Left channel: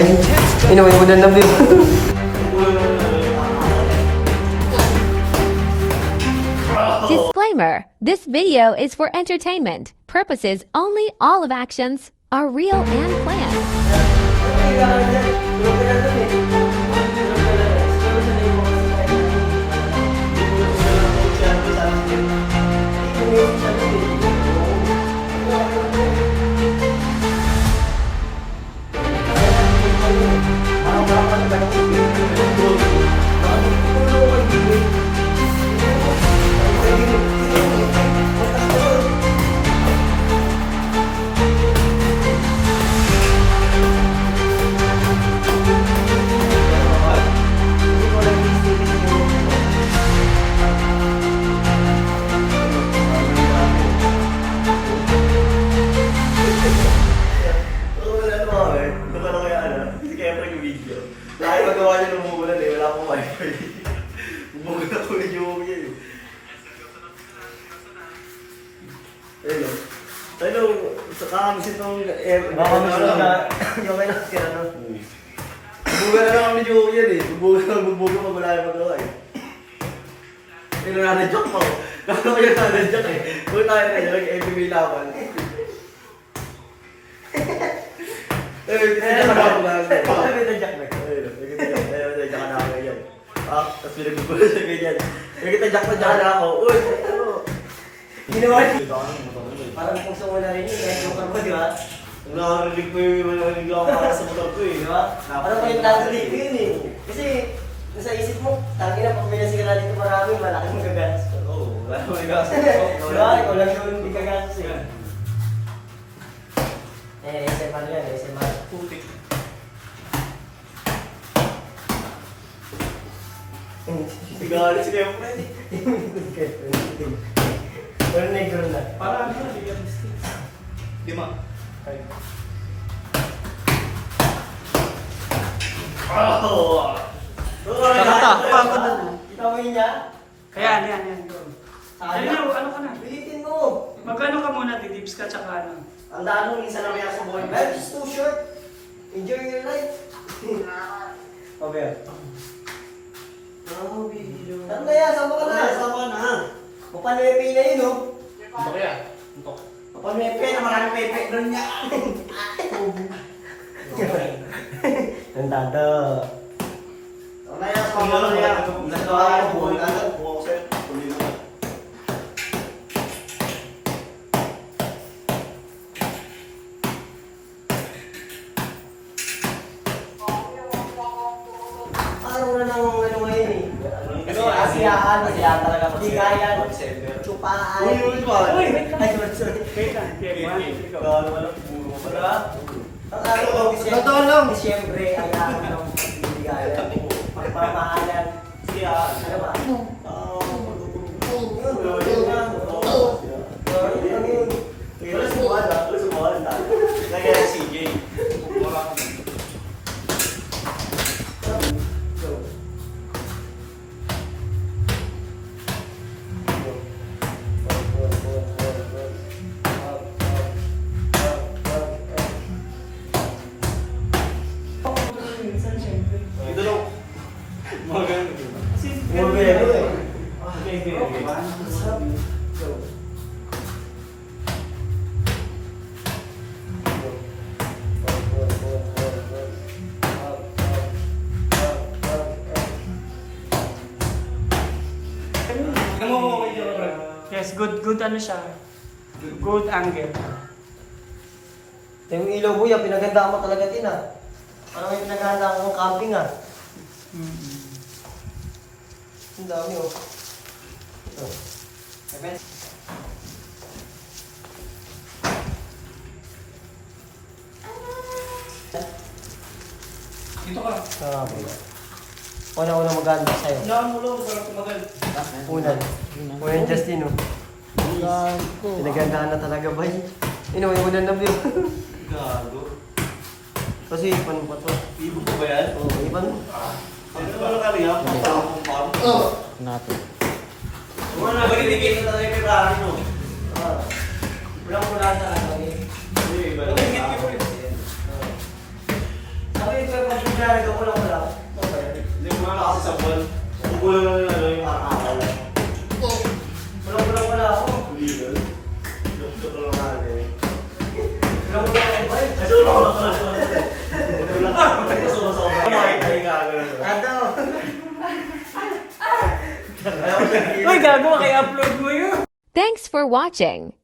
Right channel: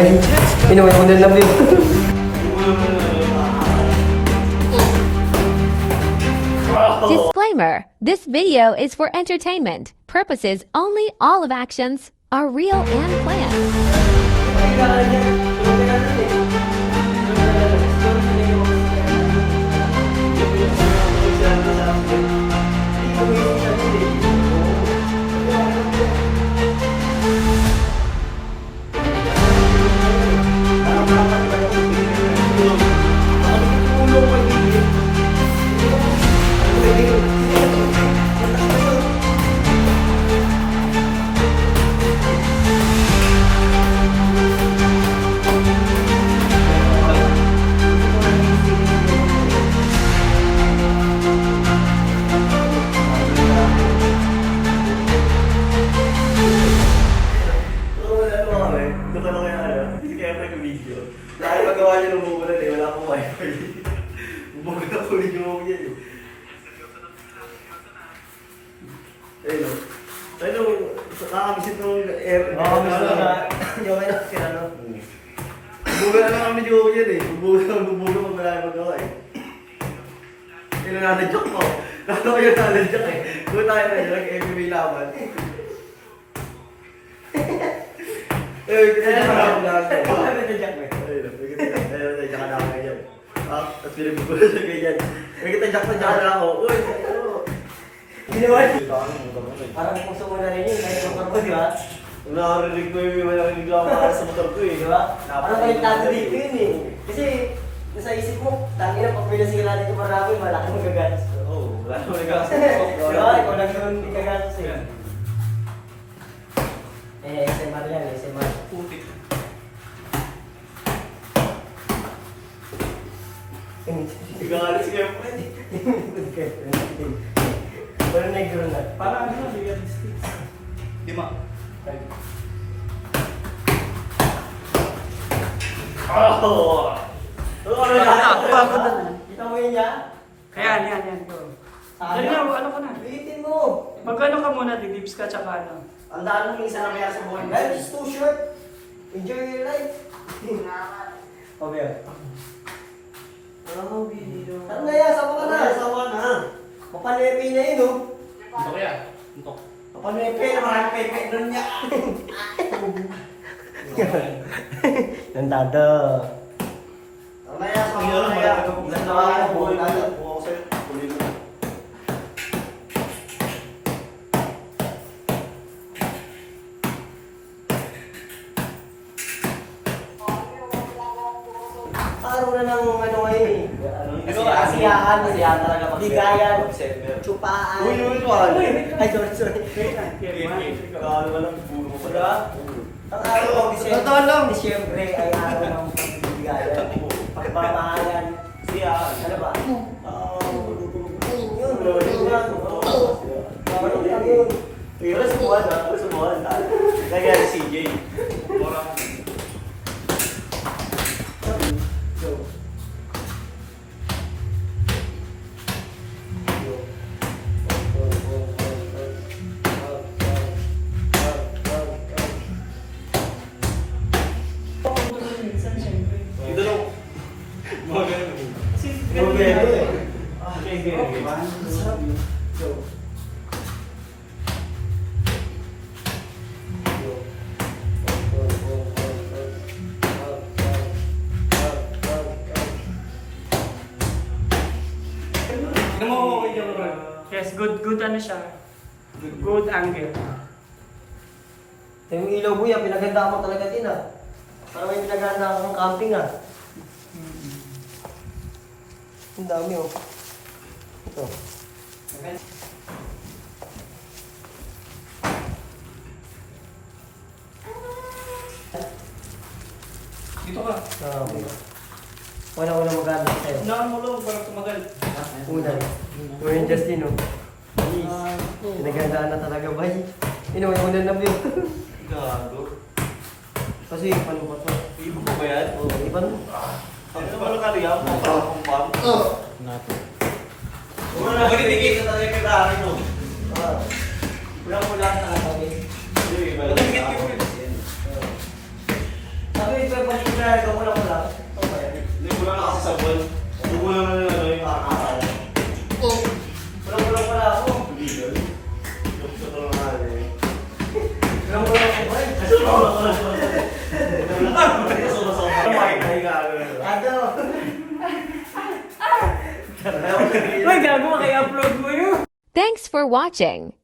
Inuwi mo na view. Disclaimer: this video is for entertainment purposes only. All of actions are real and planned. Hello, kakamisit ng air. Bubugan na lang kami yung yan eh. Bubugan pag malayo magawa eh. Hindi na nanadyak mo. Kaya kayo nanadyak eh. Doon tayo na yun, nag-MPB laban. Kinadyak na ako na. Bakit kinadyak mo? Kinadyak na ako yan. Tapos pinagbubugan siya ganyan. Kinadyak na ako. Uy, ano? Ginawa niyo. Parang kung sa una rin yun, kahit motor ko, di ba? Nakarinig mo yung manarinig lang para sa motor ko eh, di ba? Parang may tatalig ko yun eh. Kasi, sa isip mo, tangi na pag binasigalan dito marami, malaki mong gaganis ko. Oo, wala mong gaganis ko. Di ba? Ikaw lang yung gaganis eh. SMR yan, SMR. Putik. Sigalit si Kempre. Pero negro na. Para ano na, bigyan ng sticks. 5. Oh! Pagod na. Kita mo yun niya? Kaya, yan. Dali na, ano ka na? Bilitin mo! Mag-ano ka muna, didips ka, tsaka ano. Ang daan ng isa na kaya sa boy. Life is too short. Enjoy your life. Okay. Ano na yan? Saba ka na? Saba na. Mapanepi na yun, oh. Ito kaya? Ito. Mapanepi na maraming pepe doon niya. Ganda to. Ano na yan? Saba ka na yan. Ganda ka boy. Ganda po. Araw na ng ano ngayon eh. Kasiyahan, talaga. Bigayan, tsupaan. Ay, sorry. Ang araw ko, siyempre, ay araw ng bigayan. Pagpamahalan. Ano ba? Alas buwan. Kaya si CJ. Ito lang. Yes, good ano siya. Good angle. Yung ilaw mo yan, pinaganda mo talaga din ah. Parang may pinaganda ako ng camping ah. Ang dami oh. Ito. Dito ka. Okay. Una maganda sa'yo. Unahan mo lang para tumagal. Una yung Justin oh. Pinagandaan na talaga ba eh. Inuwi mo na view. Gago. Kasi ipan mo pa to. Ibo ko ba yan? Oo, ipan mo. Ito ba nakariya? Nato. Wala ba yung na talaga yung Ferrari mo? Ulang-ulan talaga eh. Sabi ko nga, nagkakulang ko lang. Hindi ko na kasi sa buwan. Kukulang na lang yung Parang akala. Kulang pala ako. legal. Yung sa tulong na rin. Kulang ako ba? Ano? Uy, gago, kaya upload mo yun. Thanks for watching.